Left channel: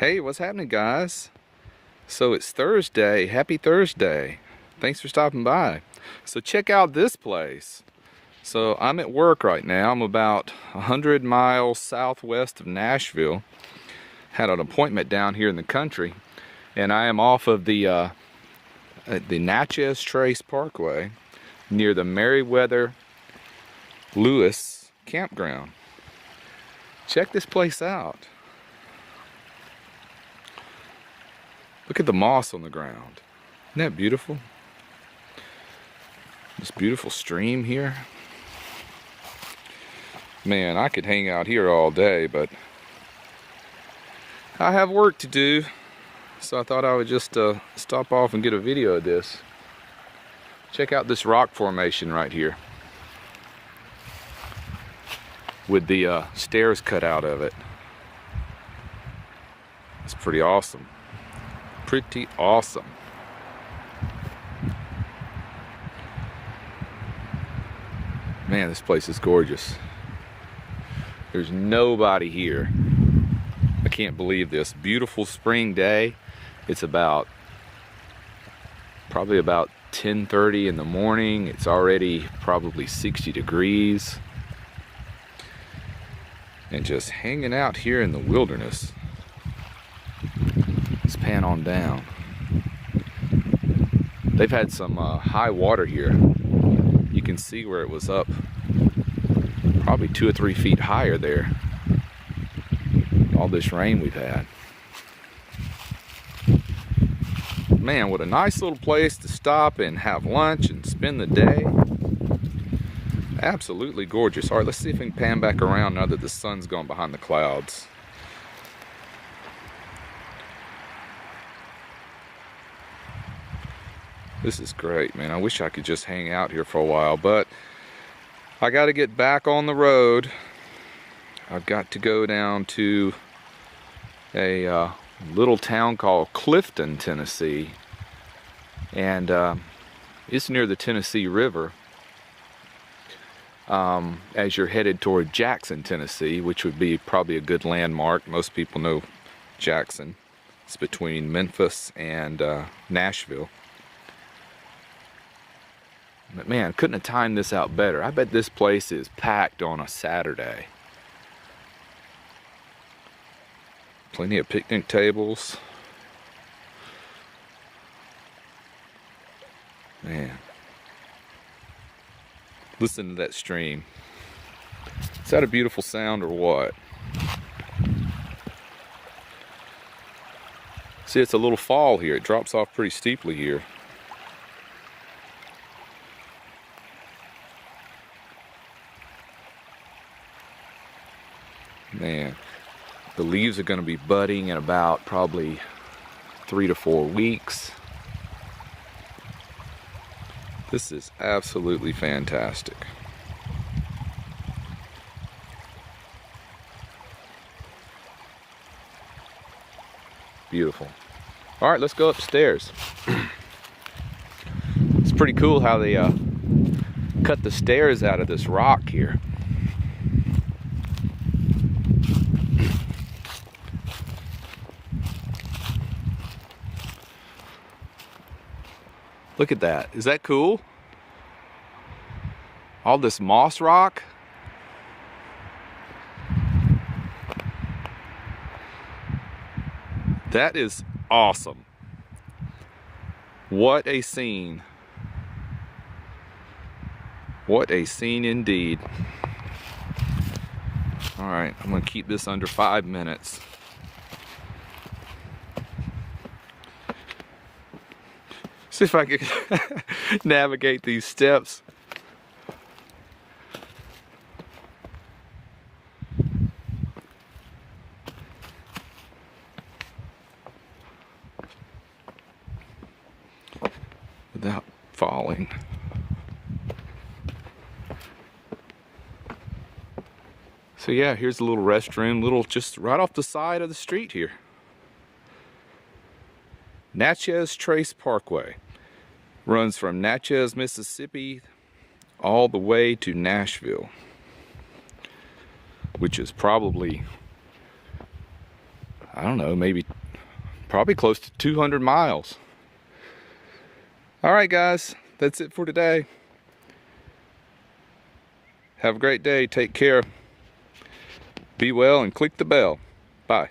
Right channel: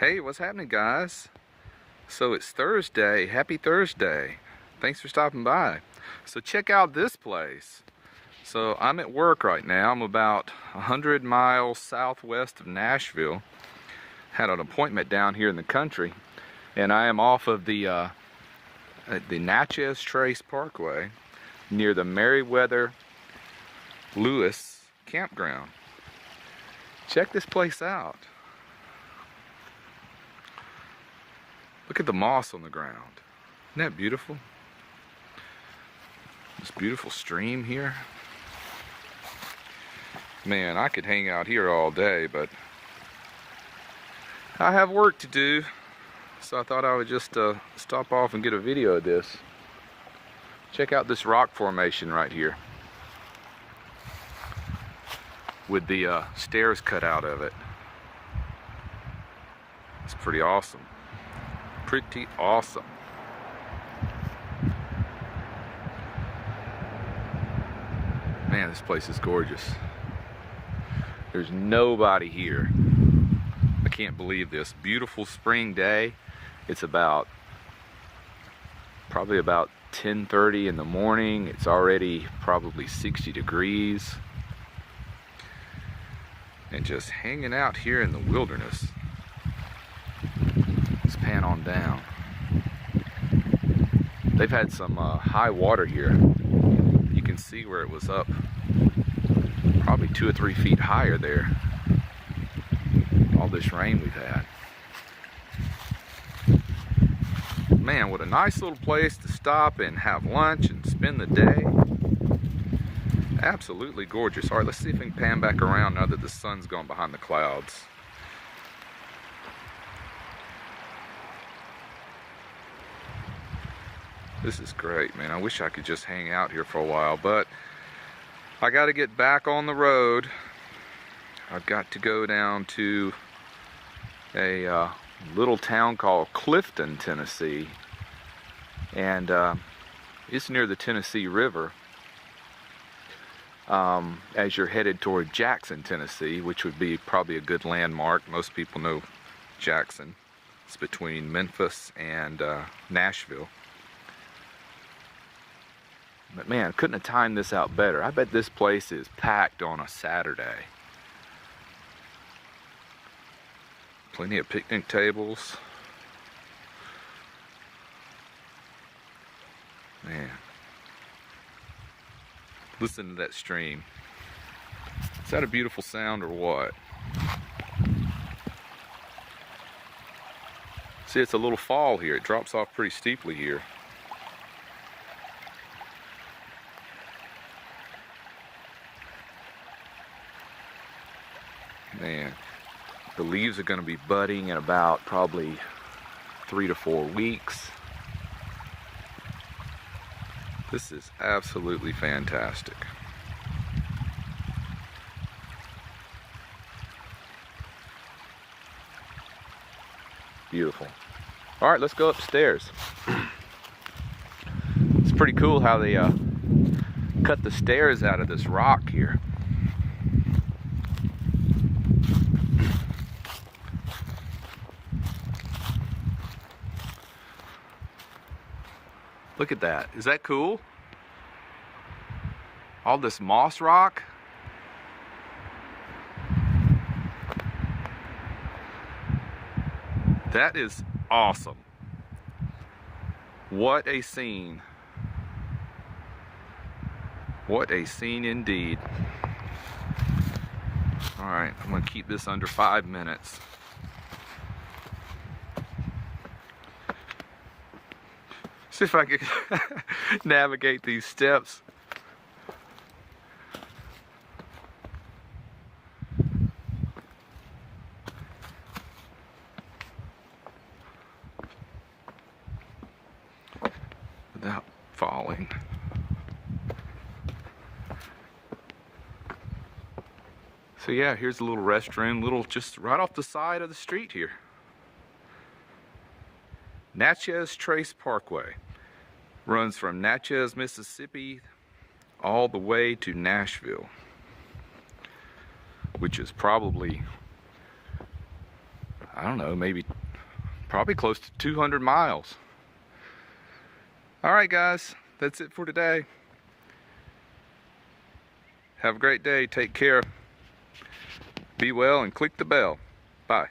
Hey, what's happening, guys? So it's Thursday. Happy Thursday. Thanks for stopping by. So check out this place. So I'm at work right now. I'm about 100 miles southwest of Nashville. Had an appointment down here in the country, and I am off of the Natchez Trace Parkway near the Meriwether Lewis campground. Check this place out. Look at the moss on the ground. Isn't that beautiful? This beautiful stream here. Man, I could hang out here all day, but I have work to do. So I thought I would just stop off and get a video of this. Check out this rock formation right here, with the stairs cut out of it. It's pretty awesome. Pretty awesome. Man, this place is gorgeous. There's nobody here. I can't believe this. Beautiful spring day. It's probably about 10:30 in the morning. It's already probably 60 degrees. And just hanging out here in the wilderness. Let's pan on down. They've had some high water here. You can see where it was up probably 2 or 3 feet higher there. All this rain we've had. Man, what a nice little place to stop and have lunch and spend the day. Absolutely gorgeous. All right, let's see if we can pan back around now that the sun's gone behind the clouds. This is great, man. I wish I could just hang out here for a while, but I got to get back on the road. I've got to go down to a little town called Clifton, Tennessee, and it's near the Tennessee River. As you're headed toward Jackson, Tennessee, which would be probably a good landmark. Most people know Jackson. It's between Memphis and Nashville. But man, couldn't have timed this out better. I bet this place is packed on a Saturday. Plenty of picnic tables. Man. Listen to that stream. Is that a beautiful sound or what? See, it's a little fall here. It drops off pretty steeply here. Man, the leaves are going to be budding in about probably 3 to 4 weeks. This is absolutely fantastic. Beautiful. All right, let's go upstairs. It's pretty cool how they cut the stairs out of this rock here. Look at that. Is that cool? All this moss rock. That is awesome. What a scene. What a scene indeed. All right, I'm going to keep this under 5 minutes. See if I can navigate these steps. Without falling. So yeah, here's a little restroom, just right off the side of the street here. Natchez Trace Parkway. Runs from Natchez, Mississippi all the way to Nashville, which is probably I don't know, maybe probably close to 200 miles. All right, guys, that's it for today. Have a great day. Take care. Be well and click the bell. Bye.